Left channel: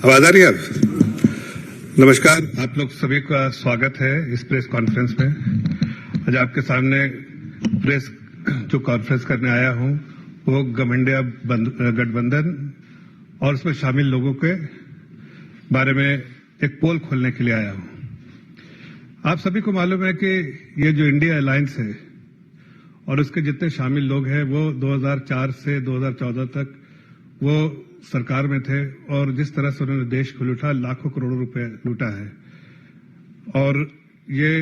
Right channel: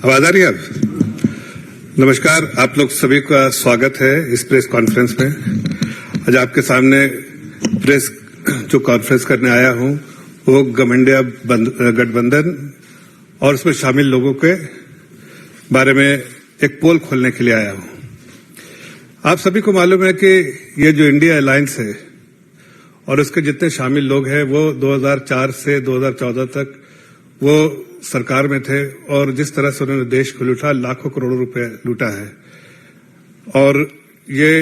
आवाज आ रही है अब? नमस्कार, आप लोग सभी का स्वागत है इस प्रेस कॉन्फ्रेंस में। आज आपके सामने प्रेस जो कॉन्फ्रेंस करने आया हूं वो घमंडिया गठबंधन और उसमें शामिल लोगों के बारे में एक पोल खोलने के लिए आया हूं। आप सभी को मालूम है कि ये जो इंडिया अलायंस है और उसके जितने शामिल लोग हैं वो 2004 से 2014 तक वो सरकार में थे और जिस तरह से उन्होंने देश को लूटा, लाखों करोड़ों रुपए लूटा है। और ये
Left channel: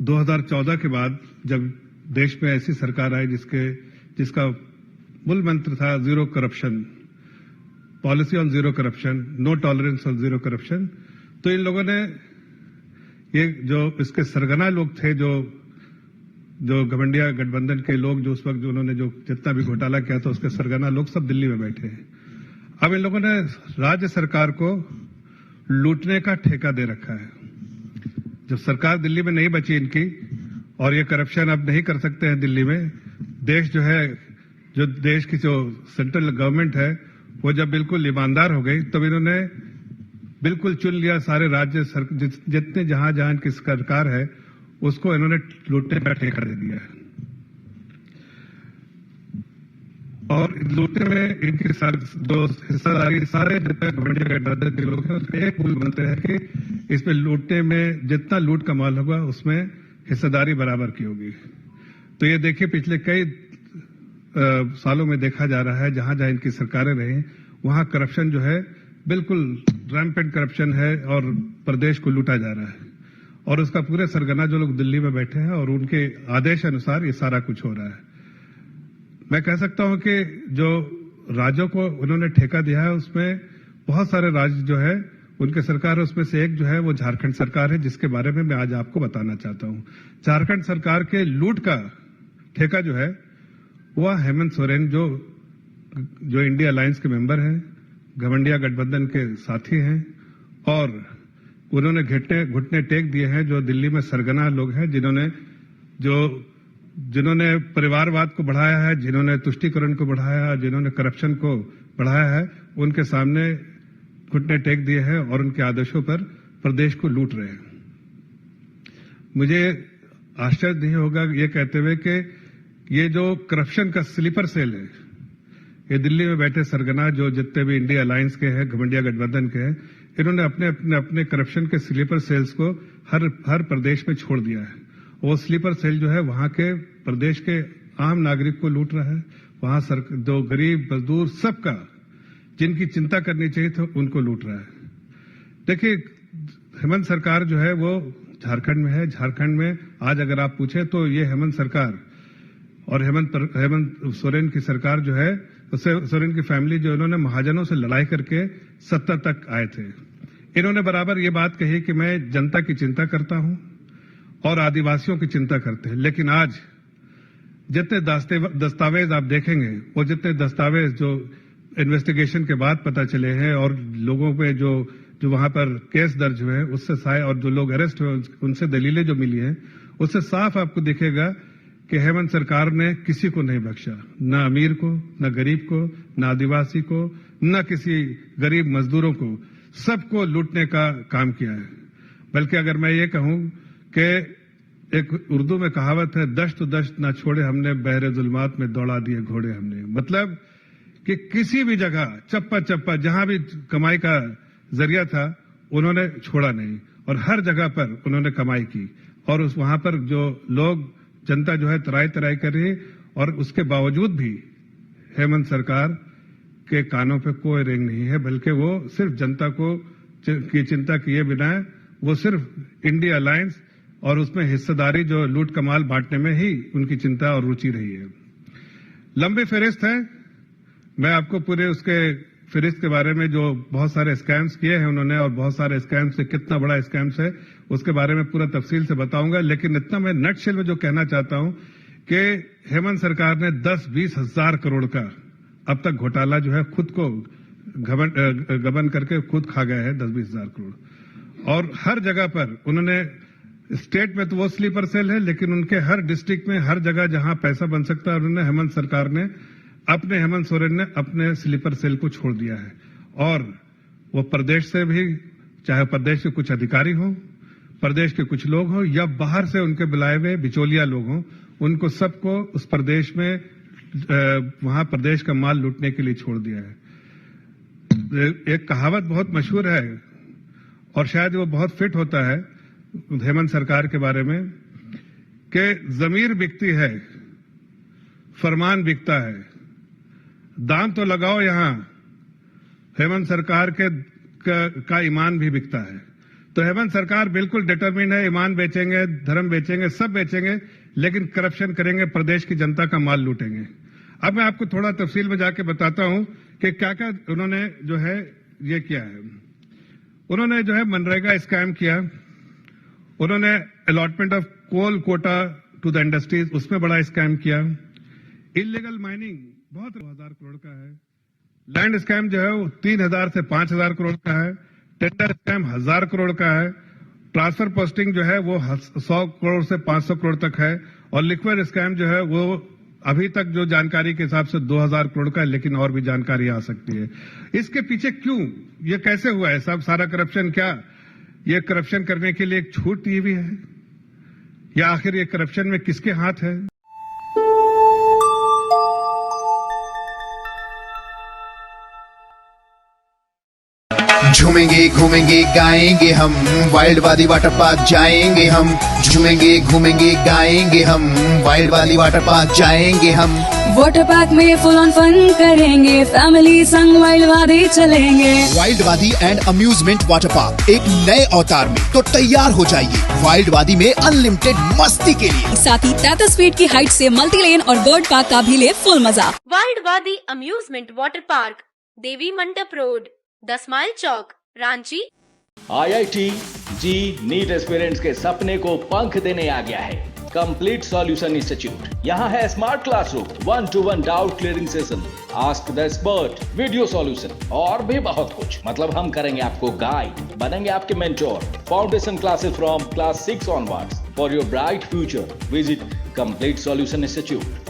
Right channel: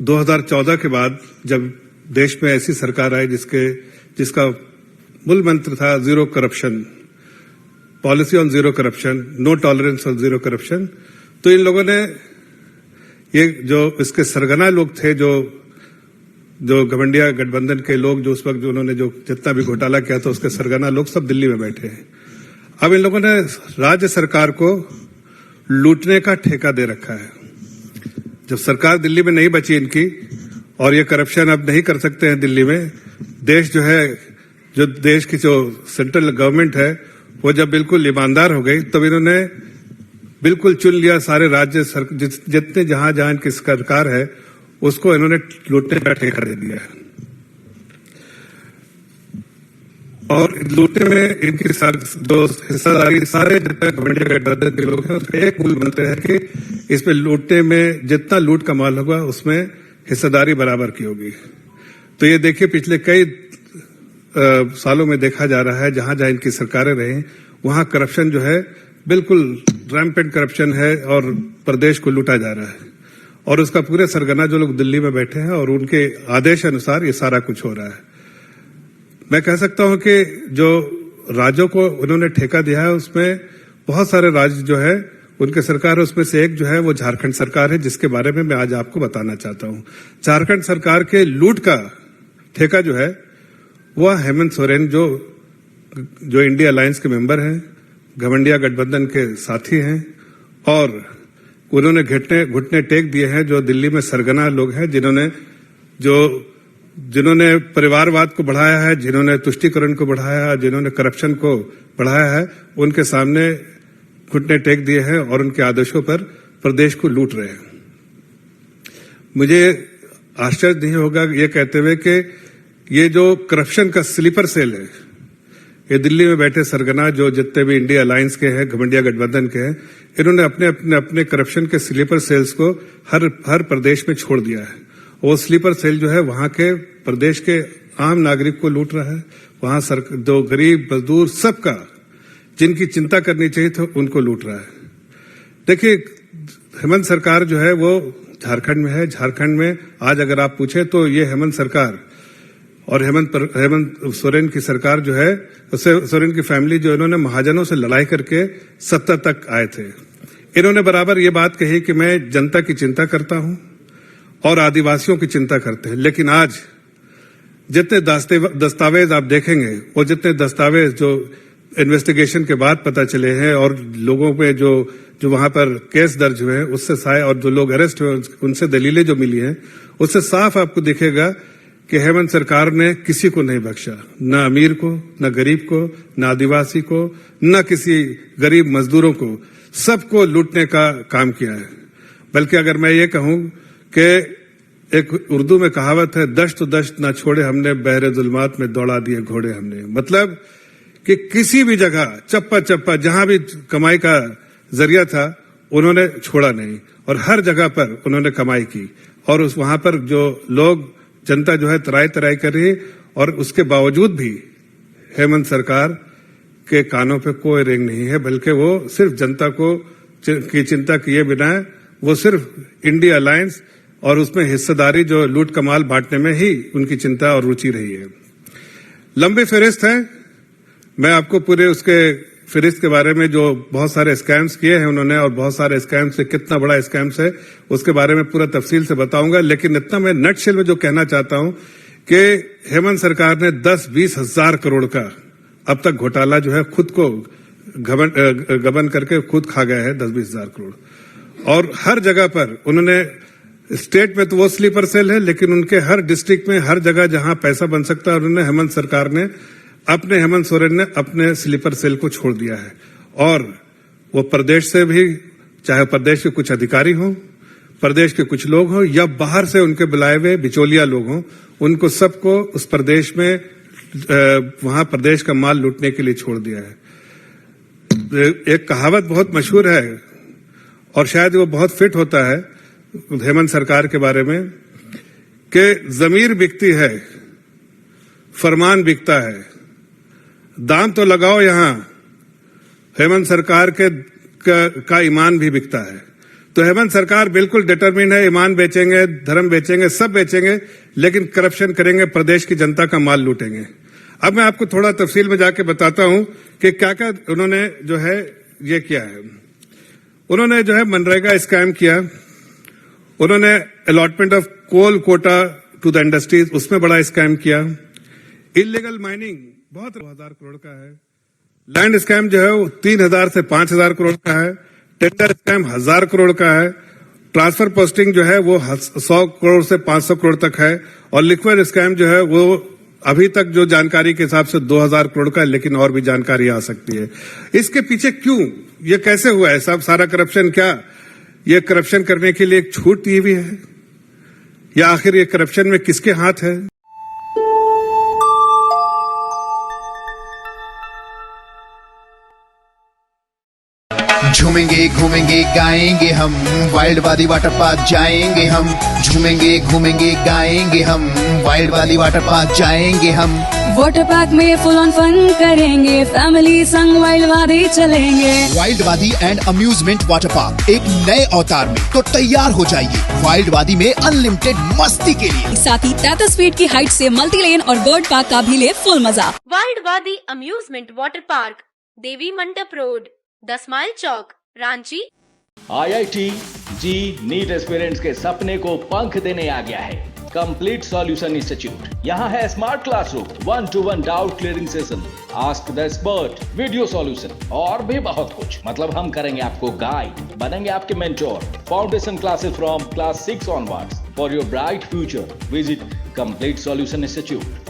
2014 के बाद जब देश में ऐसी सरकार आई जिसका मूल मंत्र था zero corruption, policy on zero corruption, no tolerance on zero corruption, तो इन लोगों ने ये जो इसके सरगना लोग थे, जो घमंडिया गठबंधन के लोग, जो उस वक्त जो उन्होंने जो जितना भी घोटाला किया था उसके सरगना लोग सब दिल्ली में बैठे हैं। अब इन लोगों ने राज्य सरकार को लूटने का ठेका दे रखा है। जब सरकार दिल्ली में नहीं बची इनकी और ये करप्शन अब नहीं कर सकते हैं दिल्ली में, देश जो देश की जो सेंट्रल गवर्नमेंट है वो जब बिल्कुल ईमानदार हो गई तब इन्होंने बिल्कुल चुन लिया सारे राज्य जितने जहां इनकी सरकार है उसको इन्होंने लूटने का ठेका दे दिया है। और लूटने में इनकी जो हिस्सेदारी सारे जितने घमंडिया गठबंधन के लोग हैं उसका एक मूल मंत्र है कि इसमें लूटने में जितना लूट का माल होगा उसमें हिस्सेदारी बराबर की होगी। तो ये देखिए पिछले कई सालों में देखा जा रहा है जहां इनकी सरकारें रही वहां करप्शन जो है बिल्कुल रैम्पेंट करप्शन है और प्रदेश को लूटा जा रहा है और उसका पूरे सरगना जो लोग दिल्ली में बैठे हैं और उनके आदेश अनुसार ये सारा कुछ हो रहा है। मैं कह सकता हूं कि जो राज्यों को उन्होंने ठेका दिया है उसमें बहुत सारे राज्य जो है उनके सरकार है, उसमें से एक जो है वो झारखंड सरकार है जिसके बारे में मैं आज आपको बताना चाहता हूं। झारखंड सरकार के लूट का ठेका जो है वह हेमंत सोरेन जो इंडिया अलायंस के मेंबर हैं, घमंडिया गठबंधन के साथी हैं और उन्होंने घुटने टेक दिए हैं जो दिल्ली में सरगना लोग हैं जिन्होंने परिवारवाद को बढ़ाया है, जिन्होंने तुष्टीकरण को बढ़ाया है, जिन्होंने करप्शन को बढ़ाया है, उनके सामने घुटने टेक दिए हैं और उनके आदेशों पर प्रदेश को लूट रहे हैं। मुझे आश्चर्य नहीं होगा ये कहते हुए कि ये जो करप्शन का स्लीपर सेल है, ये दिल्ली में बैठे सरगना जो जितने भी इंडिया अलायंस के हैं, घमंडिया गठबंधन के हैं, इन्होंने अपने करप्शन के स्लीपर सेल्स को हर प्रदेश में छोड़ दिया है। वो स्लीपर सेल जो है वहां के प्रदेश के आम नागरिक को लूट रहा है, वहां जो गरीब मजदूर सबका जिनकी चिंता करनी चाहिए तो उनको लूट रहा है। देखिए हेमंत सरकार जो है वो झारखंड में है। झारखंड में आज अगर आप पूछे तो ये हेमंत सरकार और हेमंत सोरेन की सरकार जो है, सोरेन की फैमिली जो इन्होंने महाजनों से लड़ाई करके सत्ता तक आए थे। इन्होंने बराबर ये बात कही कि मैं जनता की चिंता करता हूं और आदिवासियों की चिंता करते हैं, लेकिन आज जितने दस्तावेज आप देखेंगे वो जितने दस्तावेज जो इन्वेस्टिगेशन के बाद पता चले हैं और लोगों पे जो वहां पर केस दर्ज हुए हैं उससे और जो लोग अरेस्ट हुए उनसे दलीलें जो मिली हैं उससे साफ आपको दिखेगा कि हेमंत सरकार ने किसी को नहीं बख्शा, न अमीर को, न गरीब को, न आदिवासी को, न किसी गरीब मजदूरों को, सबको लूटने का काम किया है। बल्कि अगर मैं ये कहूं कि एक उर्दू में कहावत है, दश्त तो दश्त ना छोड़े हमने, बहरे जुल्मात में दौड़ा दिए घोड़े हमने। मतलब कि किसी भी जगह चप्पा जहां भी कमाई का जरिया था उन्होंने छोड़ा नहीं और हर जगह पर उन्होंने कमाई की और वहां पर जो लोग जनता जो है तराई कर रही है और उसके बावजूद भी हेमंत सरकार के कानों पे कोई रेंग नहीं है, बल्कि वो सिर्फ जनता की चिंता किए बिना वो सिर्फ इंडिया अलायंस और उसमें हिस्सेदारी जो लूट कमाल बांटने में ही उनकी चिंता और रुचि रही है। लंबी फहरिस्त है, मैं आपको पूरे उसके फहरिस्त के बारे में जो बहुत सारे स्कैम्स किए हैं उन्होंने और बहुत सारे स्कैम्स से कितना बड़ा स्कैम्स है उसके बारे में पूरा तफसील से बताऊंगा, लेकिन इतना मैं नटशेल में जो कहना चाहता हूं कि हेमंत सरकार ने 10-20 हजार करोड़ का अब तक घोटाला जो है खुद को गबन करके खुद खा गया है, 10-20 हजार करोड़। और हर जगह पर उन्होंने स्टेट में तो वो स्लीपर सेल है, लेकिन उनके हर डिस्ट्रिक्ट में हर जगह जहां पैसा बन सकता है उन्होंने हेमंत सोरेन ने अपने स्लीपर सेल को छोड़ दिया है और वो प्रदेश से भी, चाहे प्रदेश के कुछ अधिकारी हों, प्रदेश के कुछ लोग हों या बाहर से उनके बुलाए हुए बिचौलिया लोग हों, उनको सबको उस प्रदेश में वहां प्रदेश का माल लूटने के लिए छोड़ दिया है। एक कहावत बहुत मशहूर है और शायद वो बहुत फिट होता है हेमंत सरकार के बारे में कि जमीर बिकती है, फरमान बिकता है, दाम तो लगाओ यहां। हेमंत सरकार का ईमान भी बिकता है। तो हेमंत सरकार बिल्कुल डिटरमिन है, ईमान बेचेंगे, धर्म बेचेंगे, सब बेचेंगे, लेकिन करप्शन करेंगे, प्रदेश की जनता का माल लूटेंगे। अब मैं आपको थोड़ा तफसील में जाके बताता हूं कि क्या क्या उन्होंने जो है ये किया है। उन्होंने जो है मनरेगा स्कैम किया, उन्होंने allotment of coal quota to the industries, उसमें बड़ा स्कैम किया। इलीगल माइनिंग बहुत 2000 करोड़ का है। लैंड स्कैम जो है वो 3000 से 5000 करोड़ का है। टेंडर स्कैम 1000 करोड़ का है। ट्रांसफर पोस्टिंग जो है वो 100 करोड़ से 500 करोड़ तक है। और लिक्विड स्कैम जो है वो अभी तक जो जानकारी के हिसाब से 2000 करोड़ का है, लेकिन और भी जानकारी आ सकती है। इसके पीछे क्यों, ये कैसे हुआ है सब सारा करप्शन? क्या ये करप्शन करने के लिए एक छूट दी हुई है, या आखिर ये करप्शन में किसके हाथ है? झूमेंगे घूमेंगे गाएंगे हम, वाइल्ड वाली वाटर पार्क जाएंगे हम। झूमेंगे घूमेंगे गाएंगे हम, वाइल्ड वाली वाटर पार्क जाएंगे हम। वाटर पार्क में फुल ऑन फन करेंगे, फैमिली संग वाइल्ड वादी चलेंगे। वाइल्ड वादी एंड अम्यूजमेंट वाटर पार्क एक नए अवतार में तो तैयार हो जाइए वाइल्ड वादी में अनलिमिटेड मस्ती के लिए। साथ ही 33 फीट की हाइट से मल्टी लेन और बर्ड पार्क का भी ले फुल मजा। वाइल्ड वादी अम्यूजमेंट वाटर पार्क, देवी मंडप रोड, 10 माइल चौक, रांची। IIT जी नीट एस्पिरेंट्स के सपने को पंख देने आ गया है कंप्लीट सॉल्यूशन इंस्टीट्यूट। यहाँ है smart classroom, 1-to-1 doubt clearing session, ask the expert, video solution और भी बहुत कुछ। मतलब हम करेंगे आपको गाइड, बनेंगे आपके mentor. Foundation classes from class 6 onwards for your bright future. Visit complete solution institute.